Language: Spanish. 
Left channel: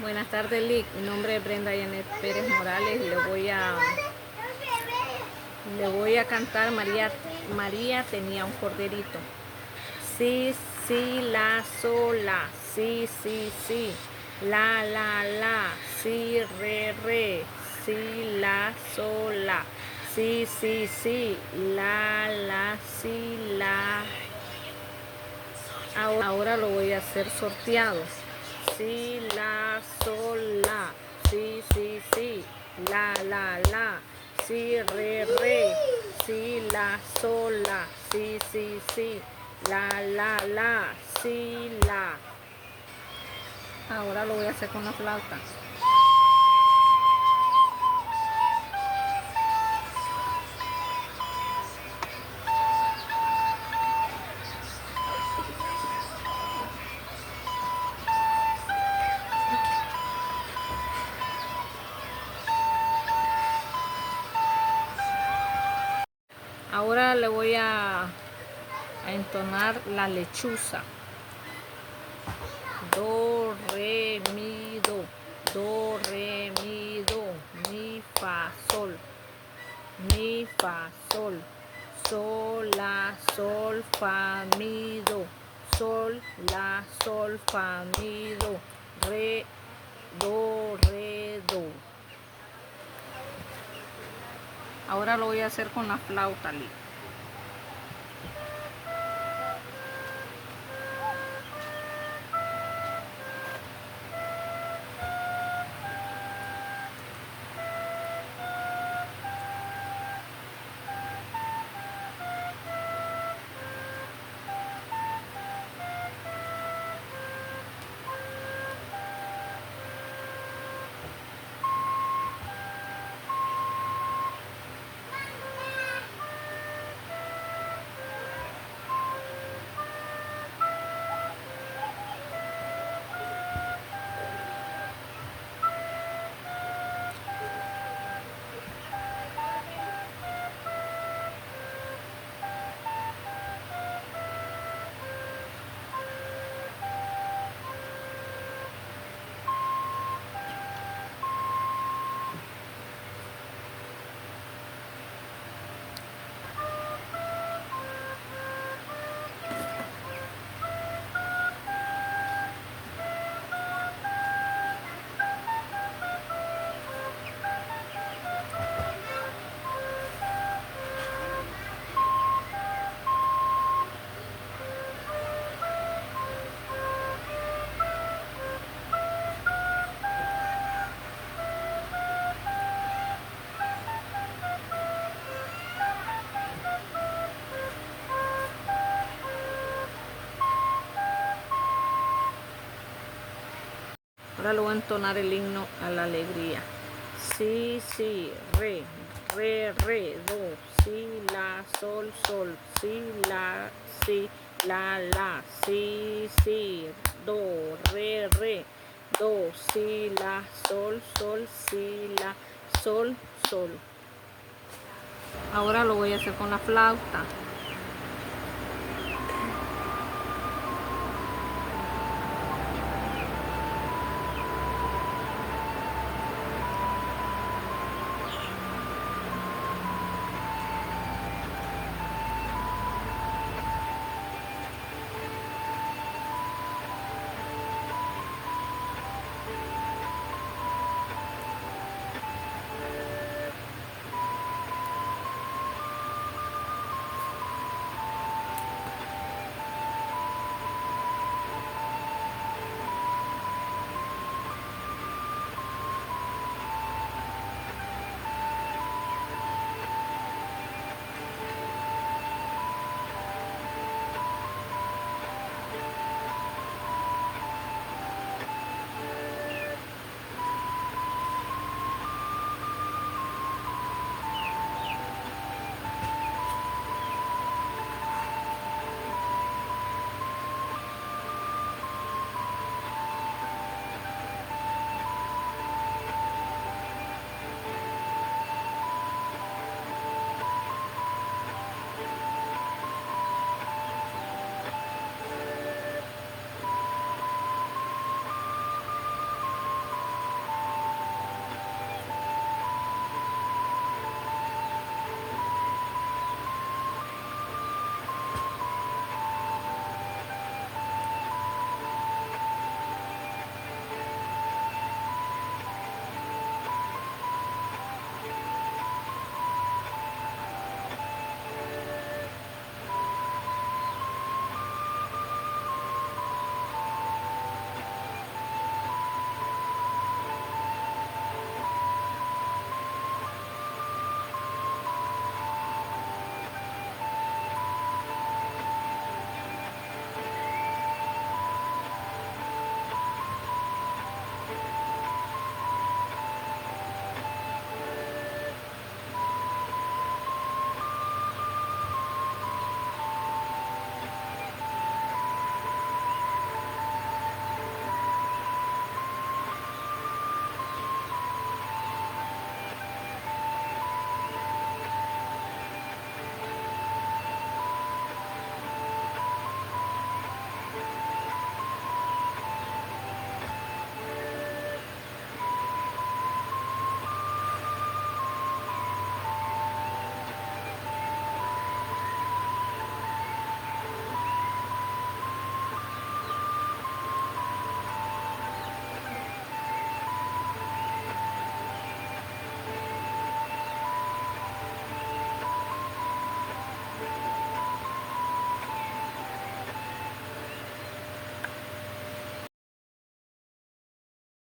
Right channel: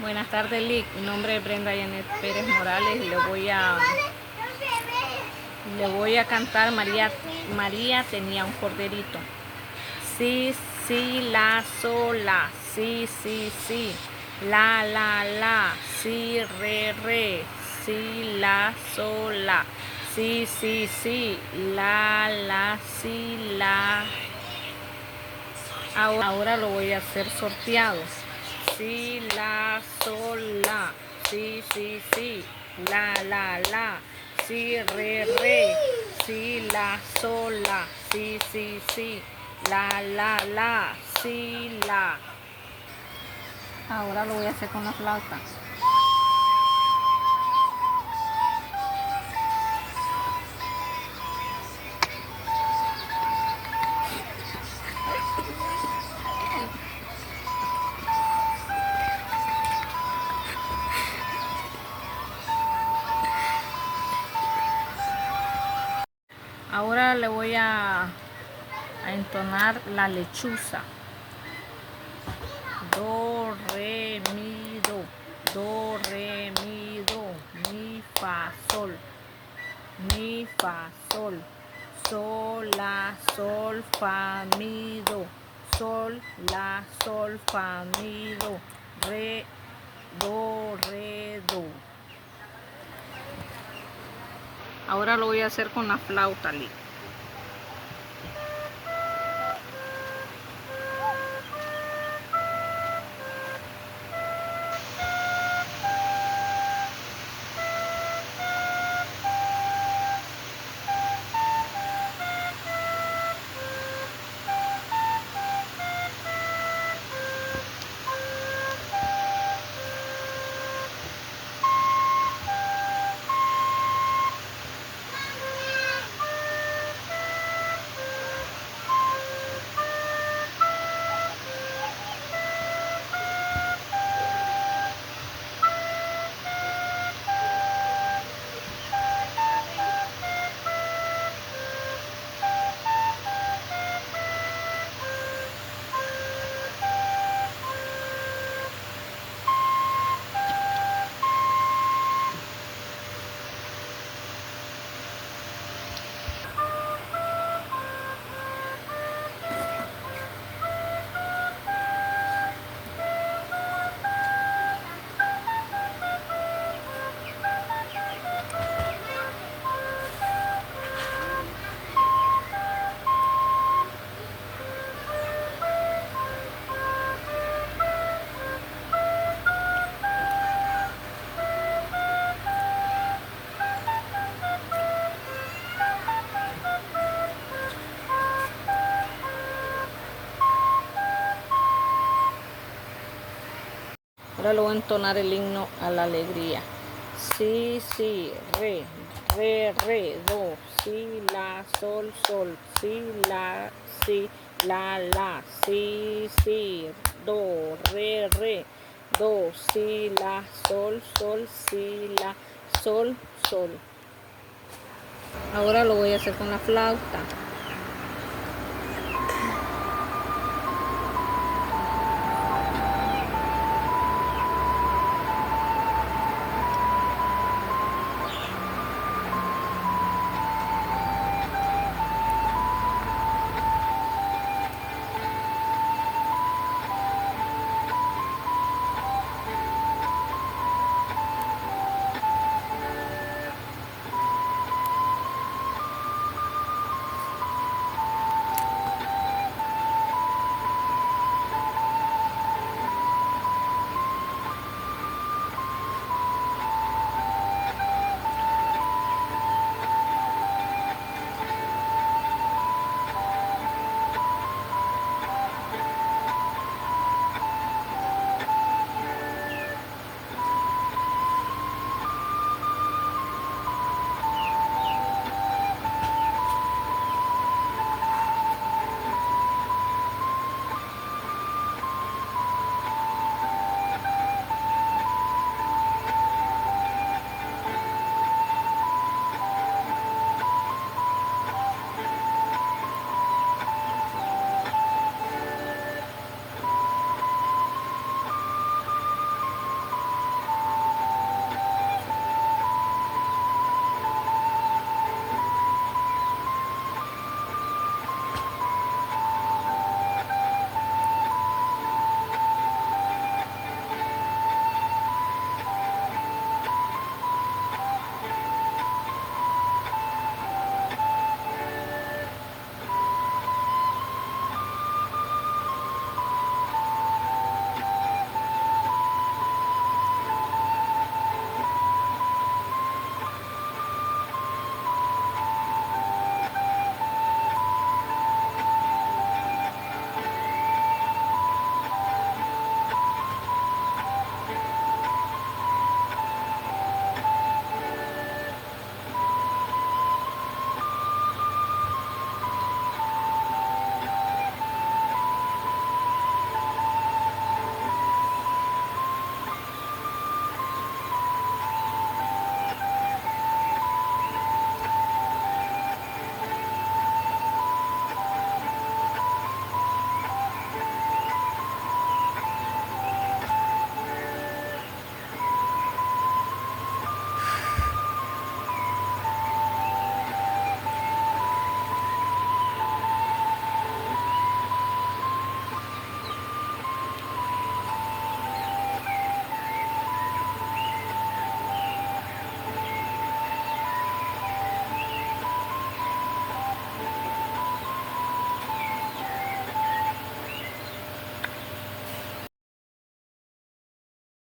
Buenas tardes, Lick. Mi nombre es Brenda Janet Pérez Morales y le voy a cantar María tenía un corderito. Sí, sí, la, sola. Sí, sí, sí. La. Sí, re. Sí, la, sola. Sí, sí, sí. La, sí, la. Ahora lo voy a hacer sorteado. Si, la, sol, la. Si, sí, sí. La. Si, re. Si, la, sol, la. Si, sí, sí. La. Si, la. Ahora lo voy a hacer con la flauta. Ahora le voy a entonar la lechuza. Do, re, mi, do. Do, re, mi, do. Mi, fa, sol. Mi, fa, sol. Sol, la, sol, fa, mi, do. Sol, la, sol, fa, mi, do. Re, do. Ahora lo voy a hacer con la flauta, Lick. Ahora le voy a entonar el himno a la alegría. Si, re, do. Si, la, sol. Si, la, si, do, re, do. Si, la, sol, si, la, sol. Ahora lo voy a hacer con la flauta.